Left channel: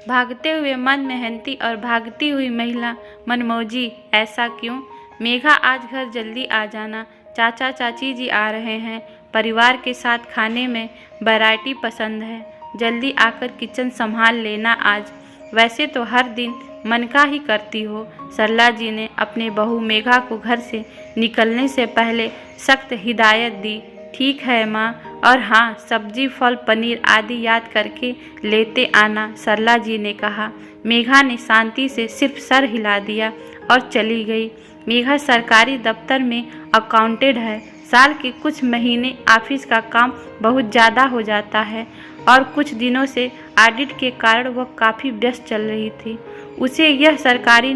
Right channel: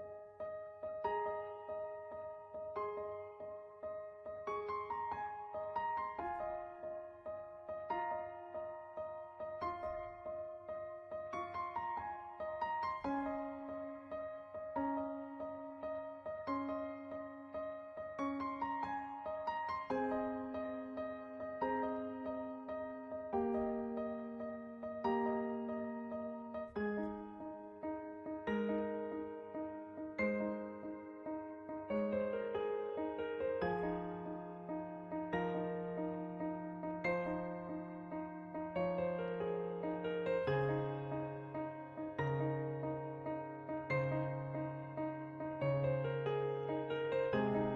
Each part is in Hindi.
भागते हुए मन मेहनती और भागती हुई महिला मनमौजी, ऐसा क्यों? मेघा, आज घर जल्दी आ जाना, चाचा चाची जी आ रहे हैं। परिवार के साथ खाने में वैरायटी पसंद है, जल्दी आकर किचन संभाल लेना आज। वैसे तो हर दिन मन का ही करती हो। सरला जी ने अपने बहू मेघा को घर से निकलने से पहले सख्त हिदायत दी। ठीक है माँ, और हाँ, सब्जी फल पनीर आदि याद करके लेते आना, सरला जी ने कहा। मेघा ने शांति से सिर्फ सर हिला दिया और चली गई। मेघा सरकारी दफ्तर में अकाउंटेंट है। साल के कुछ महीने ऑफिस का काम बहुत ज़्यादा हो जाता है और कुछ दिनों से ऑडिट के कारण वह काफ़ी व्यस्त चल रही थी। उसे यह सरकारी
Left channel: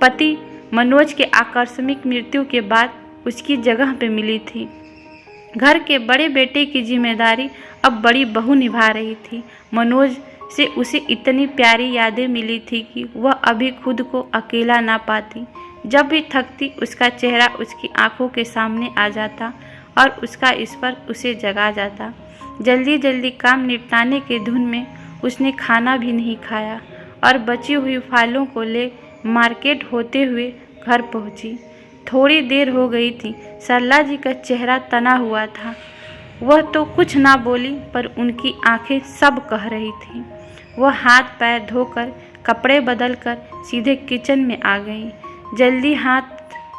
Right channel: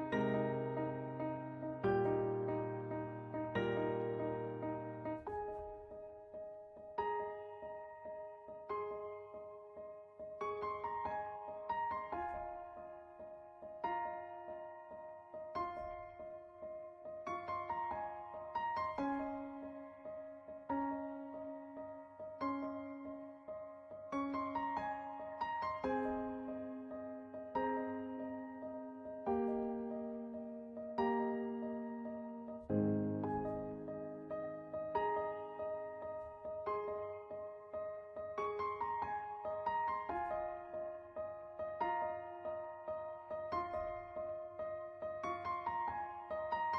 पति मनोज के आकस्मिक मृत्यु के बाद उसकी जगह पे मिली थी। घर के बड़े बेटे की जिम्मेदारी अब बड़ी बहू निभा रही थी। मनोज से उसे इतनी प्यारी यादें मिली थी कि वह अभी खुद को अकेला ना पाती। जब भी थकती उसका चेहरा उसकी आंखों के सामने आ जाता और उसका स्पर्श उसे जगा जाता। जल्दी जल्दी काम निपटाने के धुन में उसने खाना भी नहीं खाया और बची हुई फाइलों को ले मार्केट होते हुए घर पहुंची। थोड़ी देर हो गई थी। सरला जी का चेहरा तना हुआ था। वह तो कुछ ना बोली, पर उनकी आंखें सब कह रही थीं। वह हाथ पैर धोकर कपड़े बदलकर सीधे किचन में आ गई। जल्दी हाथ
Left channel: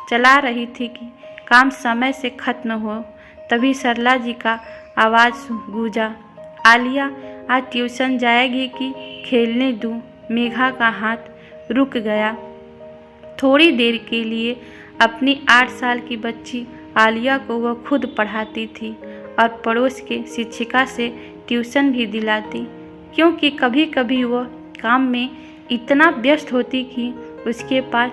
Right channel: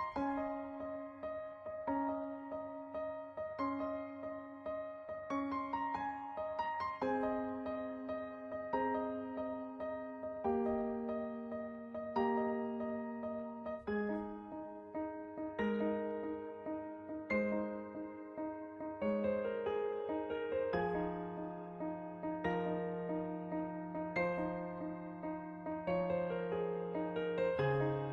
चला रही थी कि काम समय से खत्न हो। तभी सरला जी का आवाज़ गूंजा, आलिया, आज ट्यूशन जाएगी कि खेलने दूँ? मेघा का हाथ रुक गया। थोड़ी देर के लिए अपनी 8 साल की बच्ची आलिया को वह खुद पढ़ाती थी और पड़ोस के शिक्षिका से ट्यूशन भी दिलाती, क्योंकि कभी कभी वह काम में इतना व्यस्त होती कि उसके पास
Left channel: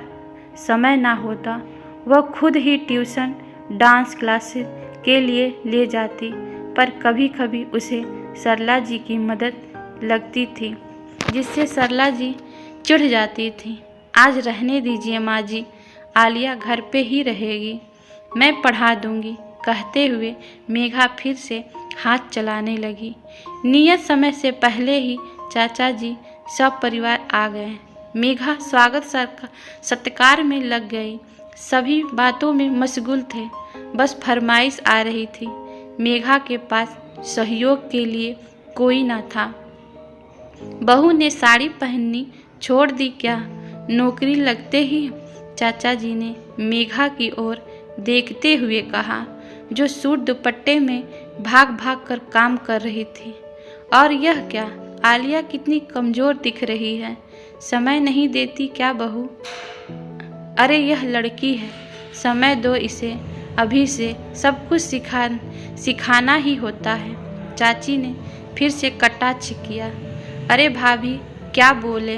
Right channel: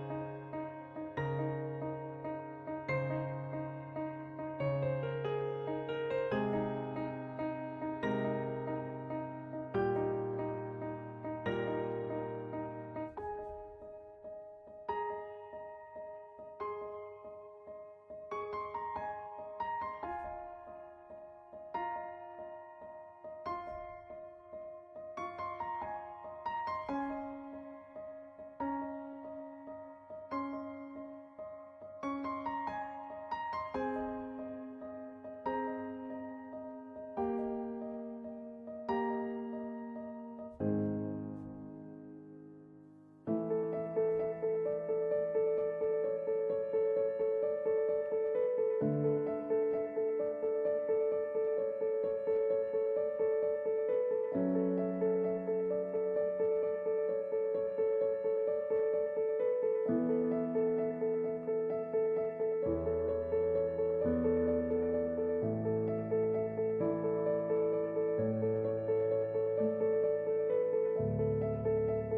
समय ना होता। वह खुद ही ट्यूशन डांस क्लासेस के लिए ले जाती, पर कभी कभी उसे सरला जी की मदद लगती थी, जिससे सरला जी चिढ़ जाती थी। आज रहने दीजिए माँ जी, आलिया घर पे ही रहेगी, मैं पढ़ा दूंगी, कहते हुए मेघा फिर से हाथ चलाने लगी। नियत समय से पहले ही चाचा जी सब परिवार आ गए। मेघा स्वागत सत्कार में लग गई। सभी बातों में मशगूल थे, बस फरमाइश आ रही थी। मेघा के पास सहयोग के लिए कोई न था। बहू ने साड़ी पहननी छोड़ दी क्या? नौकरी लगते ही चाचा जी ने मेघा की ओर देखते हुए कहा, जो सूट दुपट्टे में भाग भाग कर काम कर रही थी। और यह क्या, आलिया कितनी कमज़ोर दिख रही है, समय नहीं देती क्या बहू? अरे यह लड़की है, समय दो इसे, अभी से सब कुछ सिखाना ही होता है। चाची ने फिर से कटाक्ष किया। अरे भाभी, क्या बोले?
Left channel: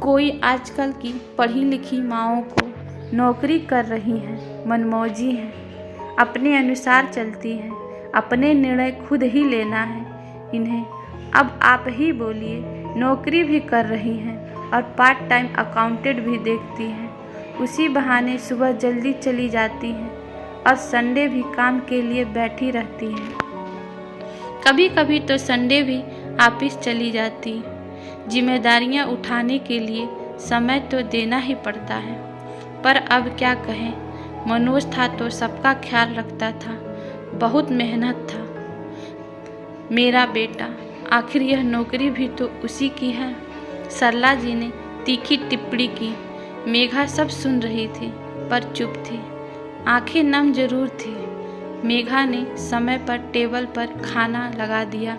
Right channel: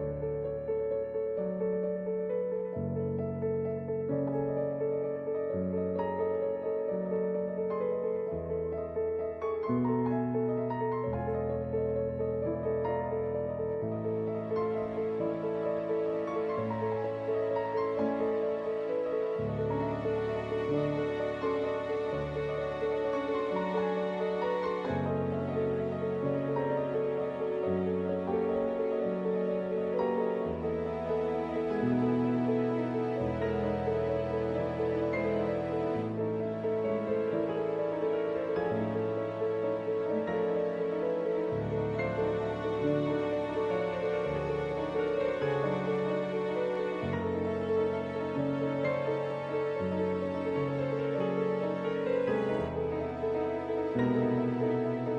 कोई आजकल की पढ़ी लिखी माओं को नौकरी कर रही हैं, मनमौजी हैं, अपने अनुसार चलती हैं, अपने निर्णय खुद ही लेना है इन्हें। अब आप ही बोलिए, नौकरी भी कर रही हैं और पार्ट टाइम अकाउंटेंट भी देखती हैं। उसी बहाने सुबह जल्दी चली जाती हैं और संडे भी काम के लिए बैठी रहती हैं। कभी कभी तो संडे भी ऑफिस चली जाती। जिम्मेदारियां उठाने के लिए समय तो देना ही पड़ता है, पर अब क्या कहें, मनोज था तो सबका ख्याल रखता था, बहुत मेहनत था मेरा बेटा, आखिर यह नौकरी भी तो उसी की है। सरला जी ने तीखी टिप्पणी की। मेघा सब सुन रही थी, पर चुप थी, आंखें नम जरूर थी। मेघा ने समय पर टेबल पर खाना लगा दिया।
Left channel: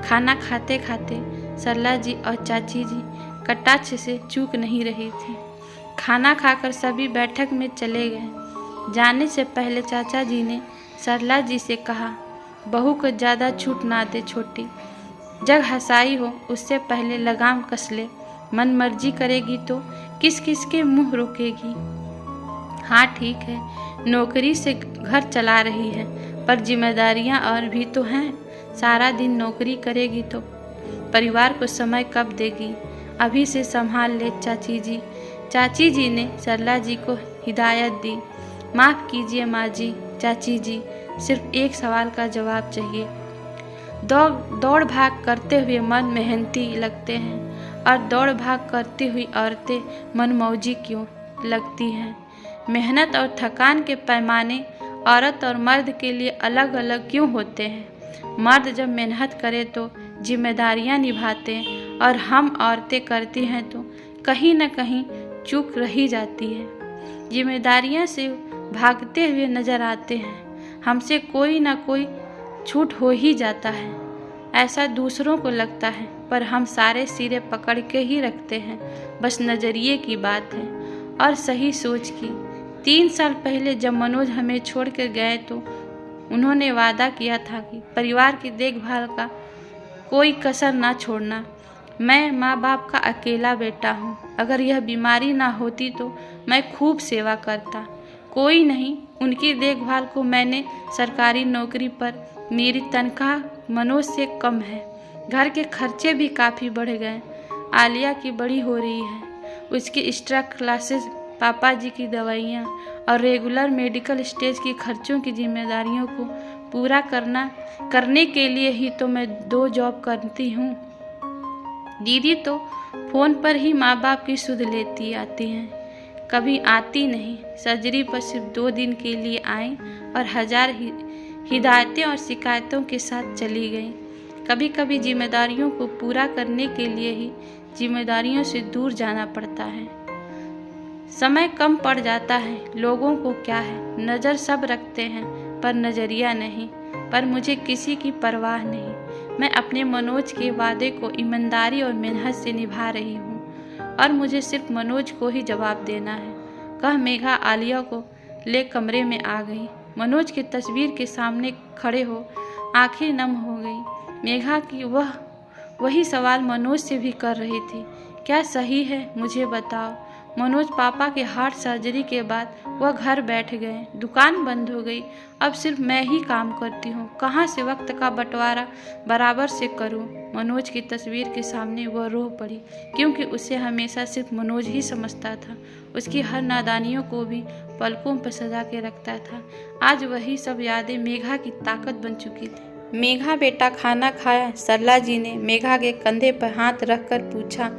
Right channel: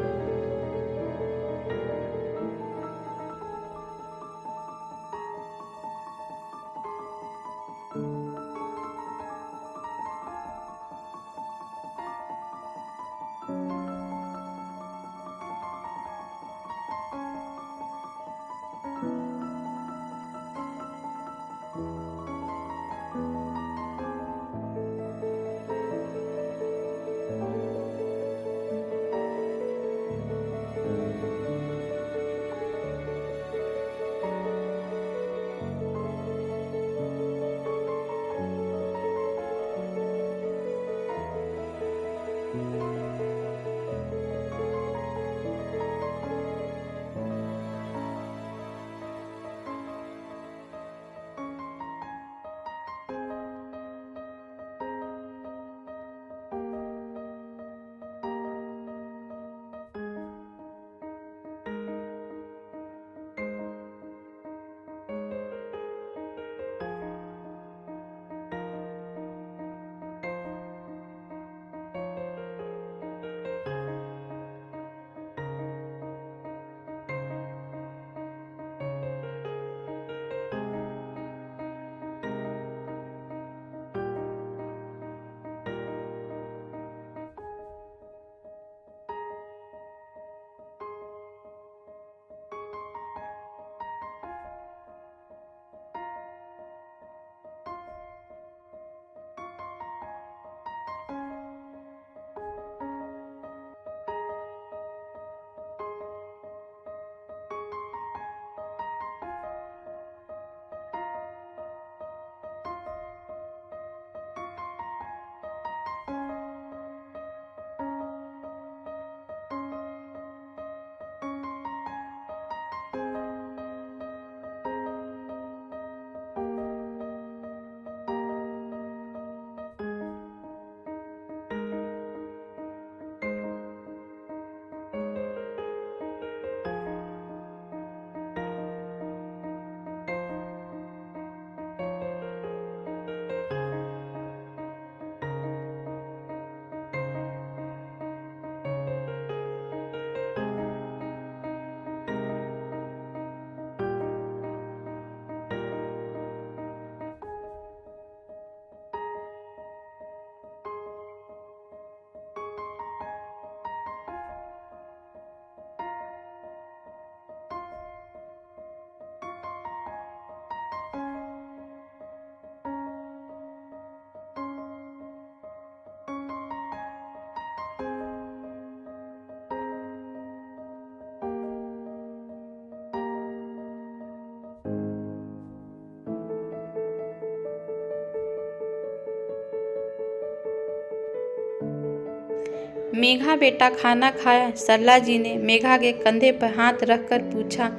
खाना खाते खाते सरला जी और चाची जी कटाक्ष से चूक नहीं रही थी। खाना खाकर सभी बैठक में चले गए। जाने से पहले चाचा जी ने सरला जी से कहा, बहू को ज़्यादा छूट ना दे छोटी, जब हंसाई हो उससे पहले लगाम कस ले, मन मर्जी करेगी तो किस किस के मुँह रोकेगी। हाँ ठीक है, नौकरी से घर चला रही है, पर जिम्मेदारियाँ और भी तो हैं। सारा दिन नौकरी करेगी तो परिवार को समय कब देगी? अभी से संभाल ले चाची जी। चाची जी ने सरला जी को हिदायत दी। माफ़ कीजिए माँ जी, चाची जी, सिर्फ एक सवाल का जवाब चाहिए। दौड़ भाग करते हुए मर्द मेहनती लगते हैं और दौड़ भाग करती हुई औरतें मनमौजी क्यों लगती हैं। मेहनत और थकान के पैमाने औरत और मर्द के लिए अलग अलग क्यों होते हैं। मर्द जब मेहनत करे तो जिम्मेदारियां निभाते हैं और हम औरतें करती हैं तो कहीं न कहीं चूक रही जाती है। जिम्मेदारियां से भागते हुए नजर आते हैं, हमसे कोई ना कोई छूट हो ही जाता है। ऐसा दूसरों को लगता है, पर हम सारे सिरे पकड़ के ही रखते हैं। बस नज़रिए की बात है और सही सोच की। 3 साल पहले जब मनोज हमें छोड़ कर गए तो उन्होंने वादा किया था कि परिवार की देखभाल का कोई कसर ना छोड़ना। मैं माँ बाप का अकेला बेटा हूँ। अगर यह बीमारी ना होती तो मैं खूब सेवा करता। कोई नहीं, उनकी देखभाल को मैंने सरकारी नौकरी पर मेरी तनख्वाह मनोज से कम है। घर के खर्चे भी काफ़ी बढ़ गए। आलिया की बड़ी हो रही है, उसकी एक्स्ट्रा क्लासेस, पापा जी की दवाइयाँ और रेगुलर मेडिकल स्टेज की खर्चों की जिम्मेदारियों को पूरा करने के लिए ही तो मैं 2 जॉब करती हूँ। दीदी तो फ़ोन पर ही माँ बाप की सुध लेती आती हैं, कभी आती नहीं। सर्जरी पर सिर्फ 2 दिन के लिए आई और हजार हिदायतें और शिकायतों के साथ चली गई। कभी कभी जिम्मेदारियों को पूरा करने के लिए ही जिम्मेदारियों से दूर जाना पड़ता है। समय कम पड़ जाता है। लोगों को क्या है, नज़र सब रखते हैं पर नज़रिया नहीं। पर मुझे किसी की परवाह नहीं। मैं अपने मनोज के वादे को ईमानदारी और मेहनत से निभा रही हूँ और मुझे सिर्फ मनोज को ही जवाब देना है। कह मेघा आलिया को ले कमरे में आ गई। मनोज की तस्वीर के सामने खड़े हो आंखें नम हो गई। मेघा की वही सवाल मनोज से भी कर रही थी, क्या सही है, मुझे बताओ। मनोज पापा के हार्ट सर्जरी के बाद वह घर बैठ गए, दुकान बंद हो गई। अब सिर्फ मैं ही काम करती हूँ, कहाँ से वक्त का बंटवारा बराबर से करूँ। मनोज की तस्वीर के सामने वह रो पड़ी, क्योंकि उसे हमेशा सिर्फ मनोज ही समझता था। उसकी हर नादानियों को भी पलकों पर सजा के रखता था। आज वही सब यादें मेघा की ताकत बन चुकी थी। मेघा बेटा खाना खाया? सरला जी ने मेघा के कंधे पर हाथ रखकर पूछा।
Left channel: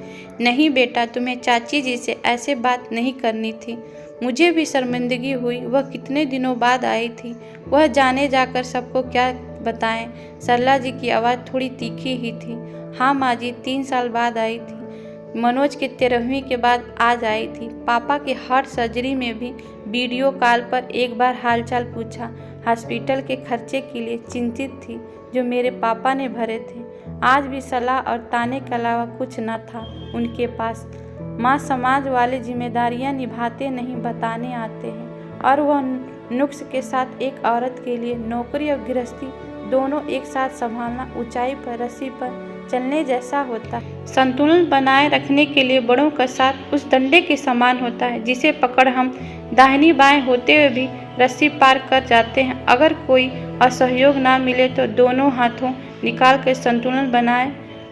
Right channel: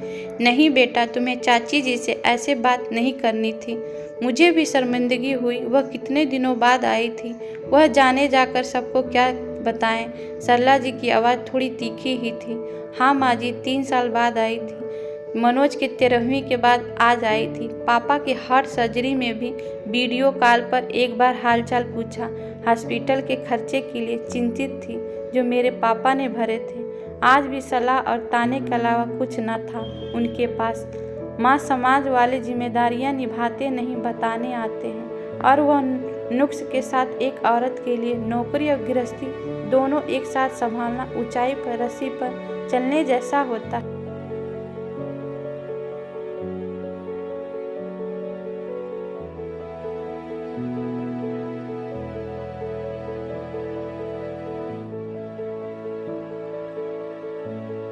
नहीं बेटा, तुम्हें चाची जी से ऐसे बात नहीं करनी थी। मुझे भी शर्मिंदगी हुई, वह कितने दिनों बाद आई थी। वह जाने जाकर सबको क्या बताएं। सरला जी की आवाज़ थोड़ी तीखी ही थी। हाँ माँ जी, 3 साल बाद आई थी। मनोज के 13वीं के बाद आज आई थी। पापा के हार्ट सर्जरी में भी वीडियो कॉल पर एक बार हालचाल पूछा। हॉस्पिटल के खर्चे के लिए चिंतित थी जो मेरे पापा ने भरे थे। आज भी सलाह और ताने के अलावा कुछ न था उनके पास। माँ समाज वाले जिम्मेदारियाँ निभाते नहीं, बताने आते हैं। और वह नुक्स के साथ एक औरत के लिए नौकरी और गृहस्थी दोनों एक साथ संभालना ऊंचाई पर रस्सी पर चलने जैसा होता है। संतुलन बनाए रखने के लिए बड़ों का साथ उस डंडे के समान होता है जिसे पकड़ हम दाहिनी बाएं होते हुए भी रस्सी पार कर जाते हैं। अगर कोई असहयोग ना मिले तो दोनों हाथों निकाल कर संतुलन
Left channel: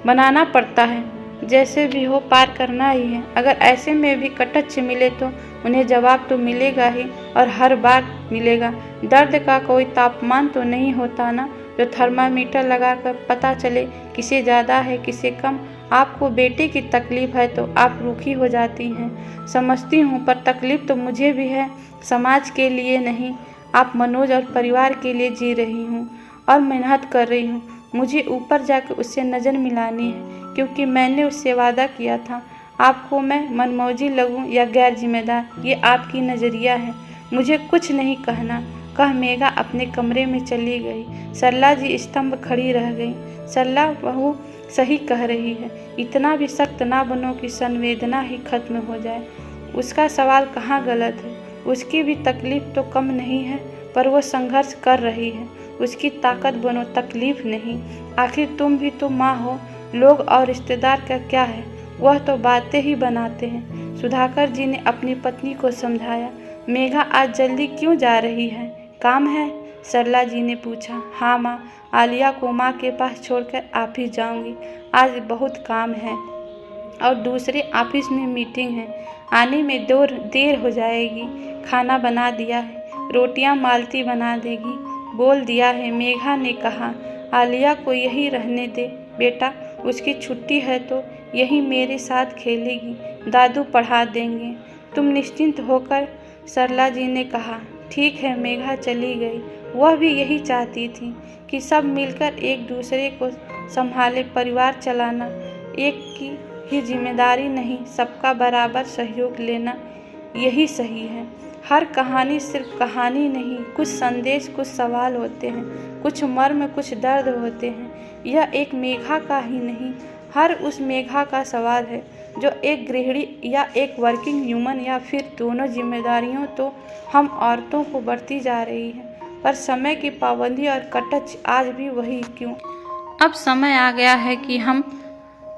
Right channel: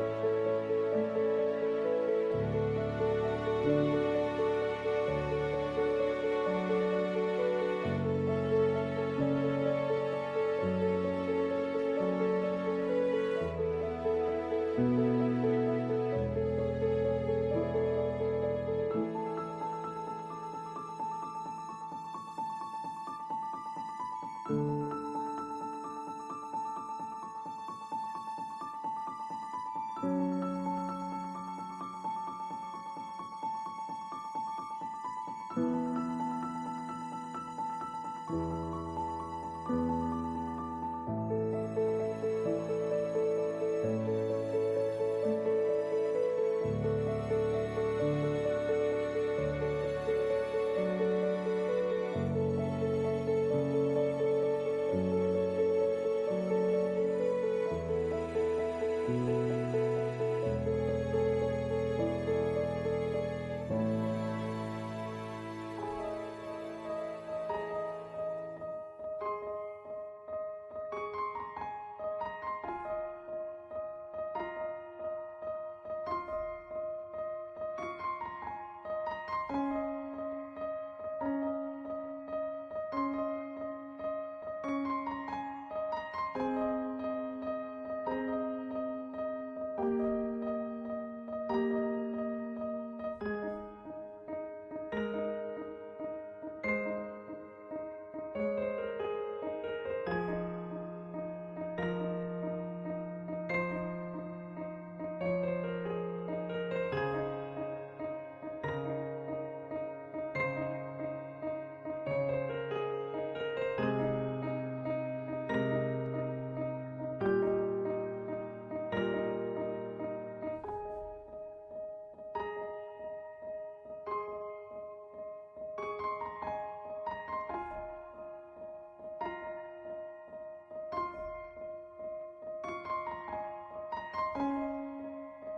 बनाना पड़ता है। जैसे भी हो पार करना ही है। अगर ऐसे में भी कटच्छ मिले तो उन्हें जवाब तो मिलेगा ही और हर बार मिलेगा। दर्द का कोई तापमान तो नहीं होता ना जो थर्मामीटर लगाकर पता चले किसे ज़्यादा है किसे कम। आपको बेटे की तकलीफ़ है तो आप रूखी हो जाती हैं, समझती हूँ, पर तकलीफ़ तो मुझे भी है। समाज के लिए नहीं, आप मनोज और परिवार के लिए जी रही हूँ और मेहनत कर रही हूँ। मुझे ऊपर जाकर उससे नज़र मिलानी है, क्योंकि मैंने उससे वादा किया था। आपको मैं मनमौजी लगूं या गैर जिम्मेदार, ये आपकी नज़रिया है। मुझे कुछ नहीं कहना। कह मेघा अपने कमरे में चली गई। सरला जी स्तंभ खड़ी रह गई। सरला बहू सही कह रही है, इतना भी सख्त ना बनो कि संवेदना ही खत्म हो जाए। उसका सवाल कहाँ गलत है। उसकी भी तकलीफ तो कम नहीं है, पर वह संघर्ष कर रही है। उसकी ताकत बनो, तकलीफ नहीं। आखिर तुम भी तो माँ हो। लोग और रिश्तेदार का क्या है, वह तो बातें ही बनाते हैं। सुधाकर जी ने अपनी पत्नी को समझाया। मेघा आज जल्दी क्यों जा रही है, काम है? सरला जी ने पूछा। हाँ माँ, आलिया को माँ के पास छोड़कर ऑफिस जाऊंगी। आज बहुत काम है और दूसरे ऑफिस में मीटिंग है, आने में देर हो जाएगी। खाना बना दिया है, रोटियां मालती बना देगी, बोल दिया है। मेघा ने कहा। आलिया को यही रहने दे बेटा, उसकी छुट्टी है तो यही मेरे साथ खेलेगी, दादू पढ़ा देंगे। तुम निश्चिंत होकर, सरला जी ने कहा। ठीक है, मेघा चली गई। वह भी यही चाहती थी कि सब मिलकर एक दूसरे को संभाले। परिवार चलाना एक की ही जिम्मेदारी नहीं, सबका बराबर सहयोग लेना यही सही है। हर कहानी सिर्फ कहानी नहीं, कुछ संदेश, कुछ सवाल होते हैं, कुछ मर्म, कुछ दर्द होते हैं। यह एक मेघा का ही नहीं, हर उस मेघा का सवाल है जो एक गृहिणी या एक वर्किंग ह्यूमन या फिर दोनों जिम्मेदारियों तो हम औरतों को बढ़ती जा रही है, पर समय की पाबंदी और कटच आज भी वही क्यों। अब समय आ गया है कि हम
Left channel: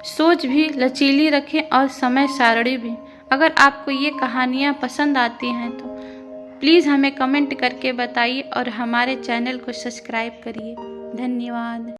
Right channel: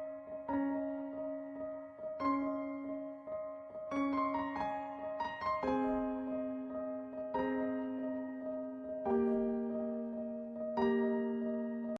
सोच भी लचीली रखें और समय सारणी भी। अगर आपको ये कहानियाँ पसंद आती हैं तो प्लीज़ हमें कमेंट करके बताइए और हमारे चैनल को सब्सक्राइब करिए। धन्यवाद।